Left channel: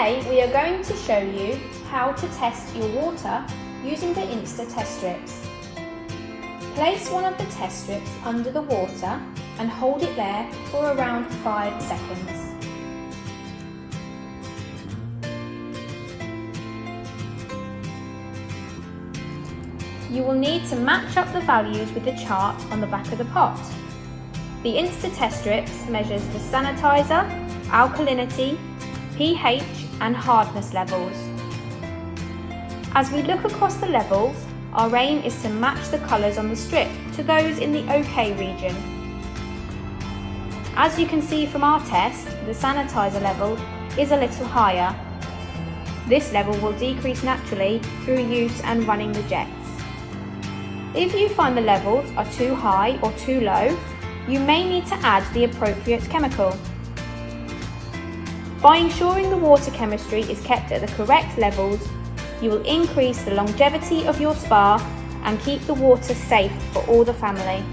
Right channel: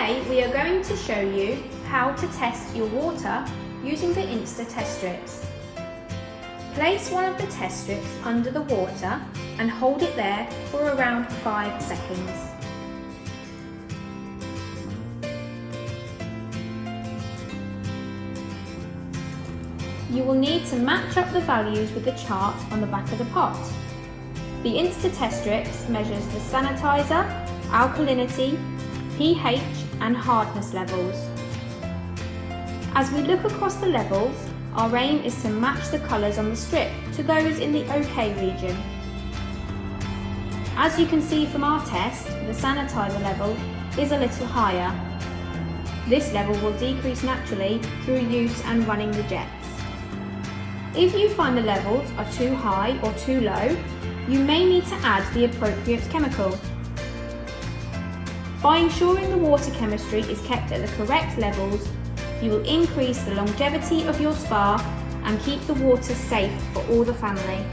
Today we are going to show you how to test your water using the Insta test strips. Place one of the test strips under the water and hold it there for around 5 seconds. You will need to match up the values with the chart on the back of the pot. The Insta test strips measures the sanitizer, alkalinity, pH and hardness levels. As we look across the levels, our aim is to match the colours on the strip to those in the OK region. As you can see from our test, the sanitizer level is a little higher. This level will decrease naturally through use and running the jets. If you find the levels are too high or too low, you may need to add the appropriate chemical. By ensuring the water chemistry is kept at the correct levels, you will increase the longevity of your spa and keep the water safe for all the family.